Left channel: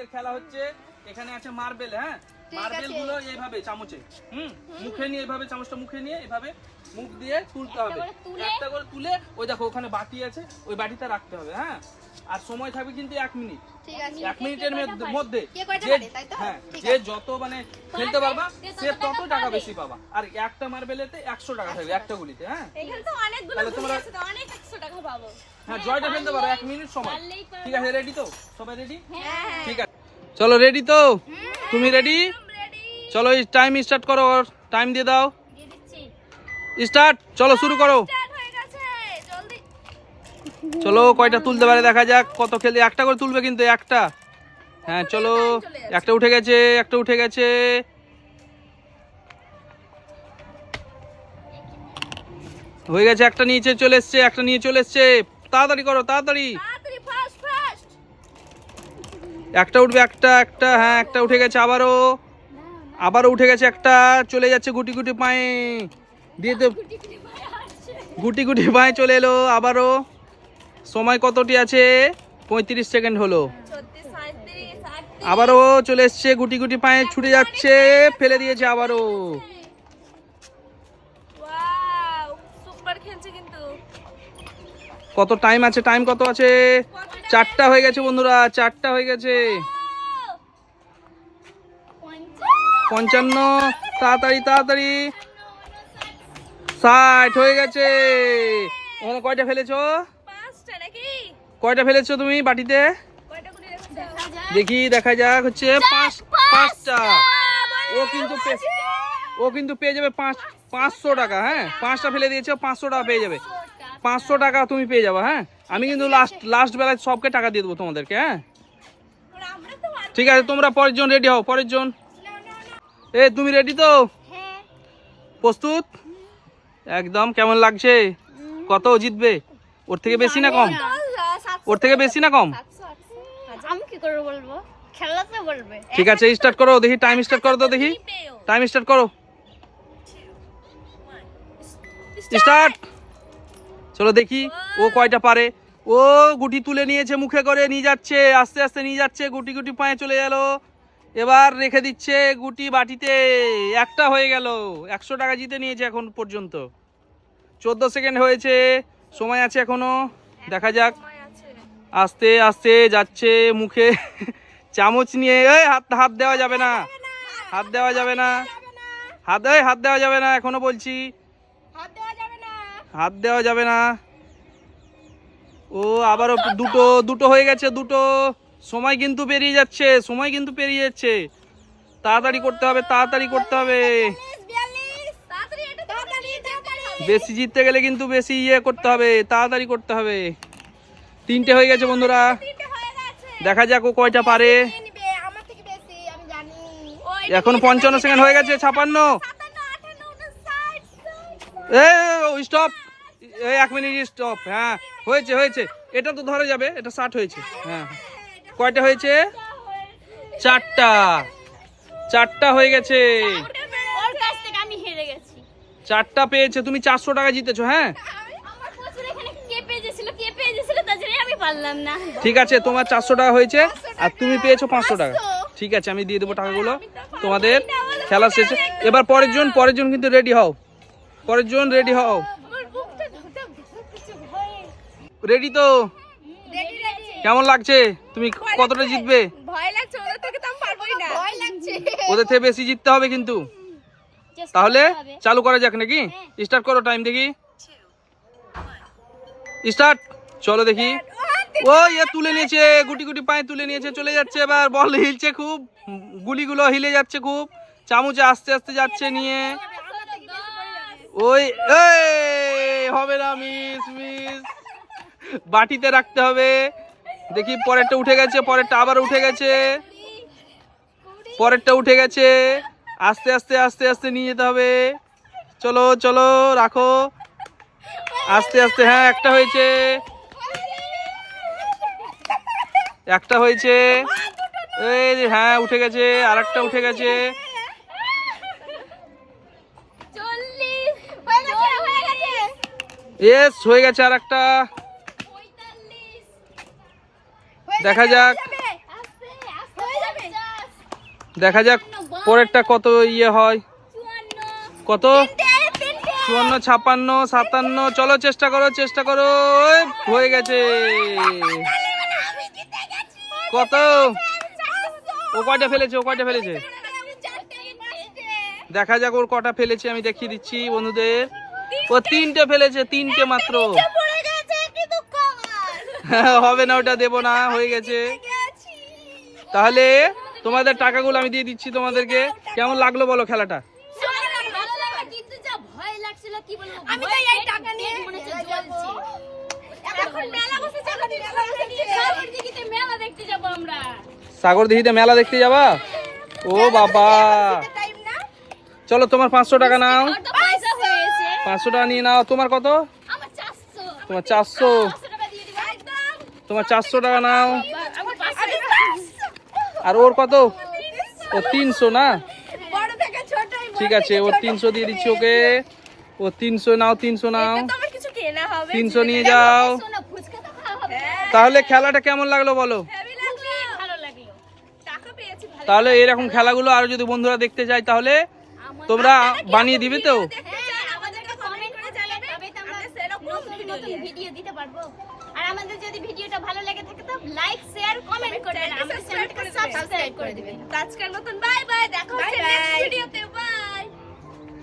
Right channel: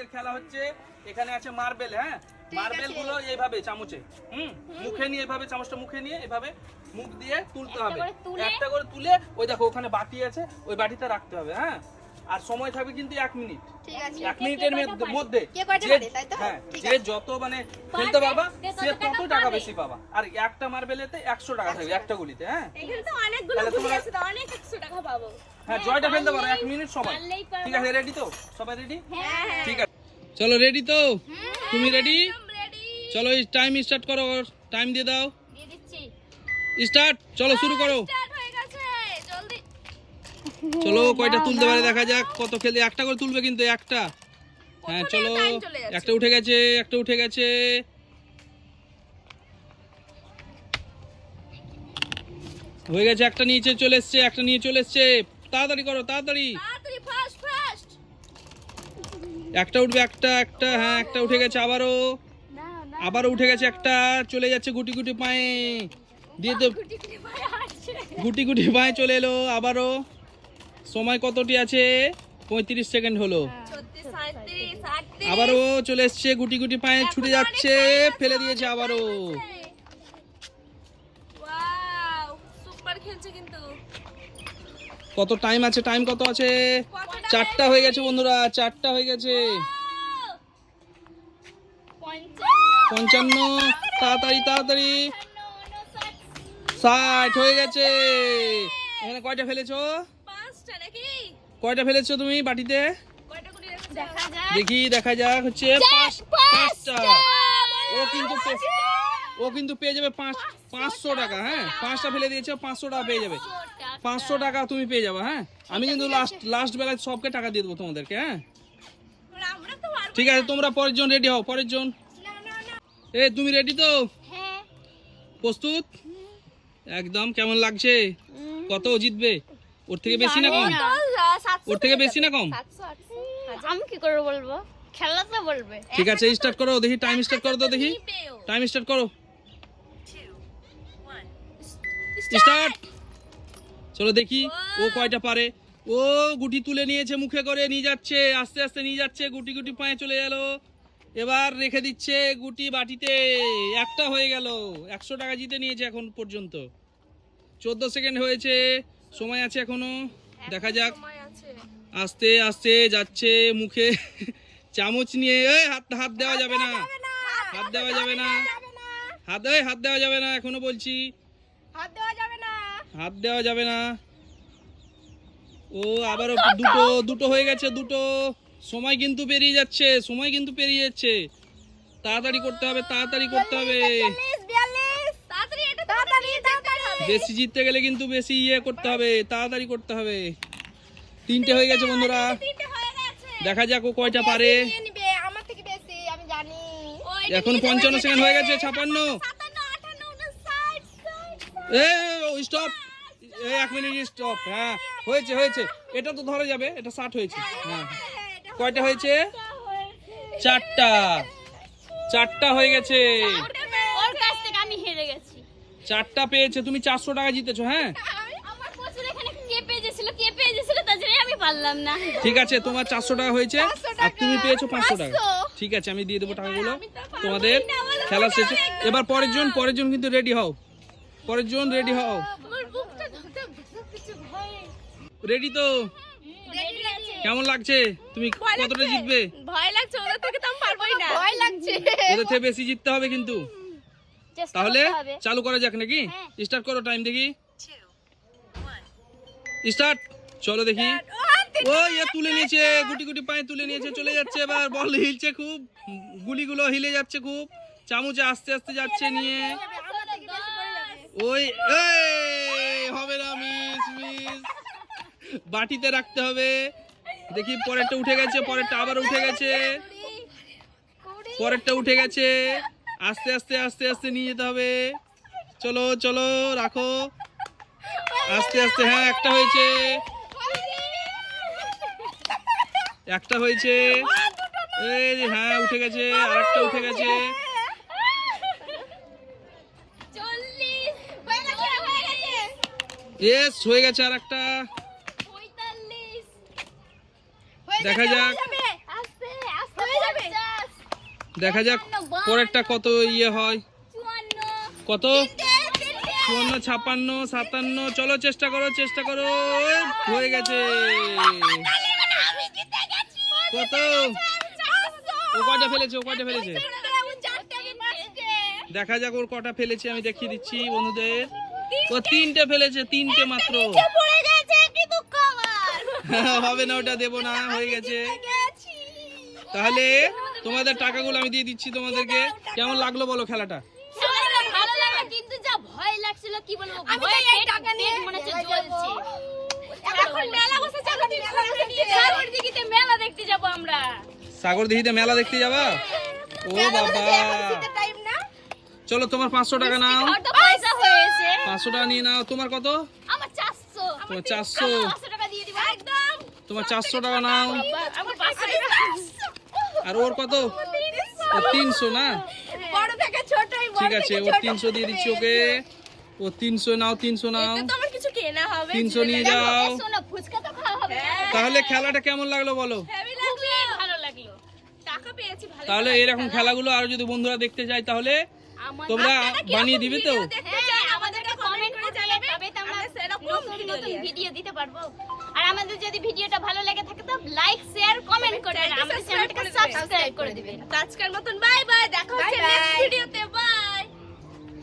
আজকের খেলা হচ্ছে, এখানে আছে মার্বেল। হ্যাঁ, মার্বেল গুলো এইভাবে চামচে মুখে নিয়ে, এইভাবে চামচটা মুখে নিয়ে এইভাবে মুখ দিয়ে তুলতে হবে, একটা করে তুলে ওই দেখো ওখানে বাটি আছে, ওই বাটিতে রাখতে হবে। হ্যাঁ, আর সময় থাকবে কিন্তু 1 মিনিট। 1 মিনিটের মধ্যে যে যত মানে খেলতে পারবা সে তত টাকা বেশি পাবা। আর একটা মার্বেলেতে 100 টাকা থাকবে একটা গুলিতে। হ্যাঁ, এখানে তো অনেকগুলো গুলি আছে, তো অনেক 100 টাকা পাবো। হ্যাঁ, জয়টা ফেলতে পারো 1 মিনিট সময়। ঠিক আছে, রেডি তো? সবাই রেডি? হ্যাঁ, ঠিক আছে, চলো রেডি তো? তুমি রেডি? চলো টাইম স্টার্ট করো, টাইম দিয়ে দাও। দিয়ে দিচ্ছি, স্টার্ট। চলো শুরু করো। স্টার্ট হয়ে গেছে, জলদি। চলো কয়টা তুলতে পারে দেখা যাক। কত খেলে একটা করে তুলবে কিন্তু, একটা। হ্যাঁ চলো, একটা উঠে গেছে, একটা উঠে গেছে। হয়ে গেছে, একটা নিচে চলে এসছে, একটা নিয়ে চলে এসছে। তাড়াতাড়ি করো, তাড়াতাড়ি। তাড়াতাড়ি, ফাস্ট ফাস্ট। একটা উঠবে, একটা একটা। হ্যাঁ, একটা উঠে গেছে, আবারও উঠে গেছে একটা। চলে যাচ্ছে গুটি গুটি পায়ে দিয়ে দে, গুটি গুটি পায়ে চলে এলো আবারও। সময় কতটি আছে? 35 সেকেন্ড হলো। 36, 37, 38। আবারও চলে এসছে, গুটি গুটি পায়ে ছুটে যাচ্ছে, ফেলে দিয়েছে আবারও। ওয়াও, সুপার খেলছে কিন্তু। কত টাইম আছে? টাইম কত আছে? 4টা হয়ে গেছে বন্ধুরা, 4টা হয়ে গেছে। 55। তাড়াতাড়ি তাড়াতাড়ি। 60 হয়ে গেছে। এখানে কয়টা ফেলেছো? 5টা নাকি? কয়টা ফেলেছো তুমি বাটিতে? কয়টা গুলি রেখেছো? দেখা যাক। দেখি, দেখা যাক। হচ্ছে 5টা। ও কিন্তু পেয়ে যাবে 500 টাকা। হ্যাঁ, 5টা ফেলে দিয়েছে, 500 টাকা পেয়ে যাবে। 500 টাকা তুমি পেয়ে যাবে। হ্যাঁ, আমি কিন্তু লাস্ট বেলায় সবকে টাকা দিয়ে দেবো তোমাদেরকে। হ্যাঁ, আমরা তো পারবো। ঠিক আছে, তোমরা পরের জন রেডি হও। পরের জন। এ তুমি রেডি তো? হ্যাঁ, প্রস্তুত? একদম। কেমন লাগছে? কত জিতবে? ওর থেকে বেশি না কম? ওর থেকে বেশি না কম? 700, 800। আমি কি করে বলবো? খেলা তো বলবে। ঠিক আছে, স্টার্ট করো দেখি। টাইম স্টার্ট করো তো দেখি। টাইম স্টার্ট করো। স্টার্ট। চলো দেখি ও কয়টা পারে। ও গুটি তুলে নিয়েছে, মুখে করে নিয়ে যাচ্ছে, আস্তে আস্তে নিয়ে যাচ্ছে, গুটি গুটি পায়ে চলে গেল। এবার রেখে দিচ্ছে গুটি বাটিতে। একটা হয়ে গেল। 100 টাকা জিতে নিয়েছে এখন পর্যন্ত। 14 সেকেন্ড হয়েছে, সময় আছে এখনো। দেখা যাক। আস্তে আস্তে যাচ্ছে, মুখে চামচ নিয়ে। এই হাত দেওয়া যাবে না, হাত দেওয়া যাবে না, হাত দেওয়া যাবে না এখনো বলছি। হাত দেওয়া যাবে না। ও আবারও দুটো হয়ে গেছে, দুটো। সময় কিন্তু পেরিয়ে যাচ্ছে, সময় কিন্তু পেরিয়ে যাচ্ছে। তাড়াতাড়ি করতে হবে, তাড়াতাড়ি করতে হবে। বেশি জিততে গেলে কিন্তু বেশি করতে হবে, তাড়াতাড়ি করতে হবে। 3টে হয়ে গেছে বন্ধুরা। দেখা যাক ও কয়টা পারে। এখন 55 সেকেন্ড হয়ে গেছে। 56। স্টপ। 1 minute stop. হ্যাঁ, হয়েছে হয়েছে। এটা তো ধরে যাবে, এটা 60 হয়েছে। হ্যাঁ, কয়টা হয়েছে? 4টা। 4টা হয়ে গেছে। ওর কাছ থেকে আমি হেরে গেছি। 4টা পেয়েছে, তুমি 400 টাকা জিতেছো। হ্যাঁ, আমার প্রচুর এখানে কে পেয়েছিল তার জন্য আমি পারলাম না। ঠিক আছে, তোমার 400 টাকা হয়েছে আর তুমি পেয়েছো 500 টাকা। ঠিক আছে, আমি দিয়ে দেবো টাকাগুলো তোমাদের খেলা শেষে। এবার পরের জন কিন্তু রেডি হও। পরের জন রেডি হও। আমার বুকটা ধরতে ভয়। রেডি তো? কেমন লাগছে? তুমি কতটা জিতবে? ভয় লাগছে, ওদের থেকে তো আমি পারবোই না। ভয় লাগছে। ওদের থেকে বেশি জিততে হবে কিন্তু। তাহলে চালু করা যাক নাকি? স্টার্ট করো, টাইম দেখি। স্টার্ট। চলো দেখি। ও তুলে নিয়েছে, গুটি গুটি পায়ে তুলে নিয়েছে, চলে যাচ্ছে। এবার বল হিলছে খুব, গুলিগুলো হিলে যাচ্ছে খুব। চামচে আস্তে আস্তে যাচ্ছে নিয়ে। ওই হবে না, মিস মিস। বাটিতে রাখতে হবে। দেখি, পরেরটা উঠে গেছে, পরেরটা আবার উঠে গেছে, পরেরটা উঠে গেছে। আস্তে আস্তে আস্তে আস্তে নিয়ে যেতে হবে। চলো চলো, রাখো আস্তে আস্তে। হ্যাঁ, একটা হয়েছে, একটা হয়েছে। এই হ্যাঁ, উঠে গেছে, আর একটা উঠে গেছে। 40 এস হয়ে গেছে আর একটা। 45 দেখা যাক। আস্তে আস্তে দেখা যাক পরেরটা কত ইয়ে হয়। 54 কত? 54, 56, 57। চলো চেষ্টা করো। ওই, হয়ে গেছে। কত? ও কয়টা ফেলেছে? দেখা যাক ওর কটা ফেলেছে, আমি দেখিয়ে দিচ্ছি বন্ধুদের। ও 3টে ফেলেছে, 3টে মাত্র। হবে না, ওটা দেবো না, হয়ে গেছে। তাহলে তোমাদের টাকাগুলো আমি দিয়ে দিচ্ছি তোমাদেরকে। কেমন লাগলো বলো খেলাটা? ভালো লাগে, কিন্তু যা ভয় লাগছিল কি বলবো, আমি তো এই টাকা নিয়ে মনে হচ্ছে জ্বলছে। এখন মেলা বসেছে, মেলা দেখতে যাব আমরা। সাগরদিঘিতে মেলা দেখতে যাবা? ও বাবা, চলো তোমার 500 টাকা নাও। আর তো পয়সা হয়েছে 500 টাকা নিয়ে নাও। তোমার কত? আমার 400। তোমার 400। 500 টাকা দিয়ে দিব একদম। তোমার 400 টাকা নাও। আমার 500। আর ওর কত? ও 300 না? বড় থেকে ছোটই, ঠিক আছে, ও 300 দিয়ে দিচ্ছি ওকে। ও 300 নাও, 300 নাও। তো আমার কিছু কেনা হবে। 300 নিয়ে যাও। সোনা ফুচকা তো খাওয়া হবে। তাহলে খেলাটা কেমন লাগলো বলো? খুবই ভালো লাগলো। টাকা পেয়েছি ভালো। তাহলে এরকম খেলাগুলো আরো যদি বন্ধুরা দেখতে চায় তাহলে তোমরা বানিয়ে দিবে তো? হ্যাঁ, আমাদেরকে কমেন্ট করে জানাবে, তবে তো আমরা নতুন ভিডিও দিতে পারবো। আর আমাদের যদি ভিডিওটা ভালো লেগে থাকে তো লাইক, শেয়ার, কমেন্ট করে আমাদের চ্যানেলটাকে সাবস্ক্রাইব করে দিবেন। আজকের মতন বাই বাই, দেখা হচ্ছে নেক্সট ভিডিওতে।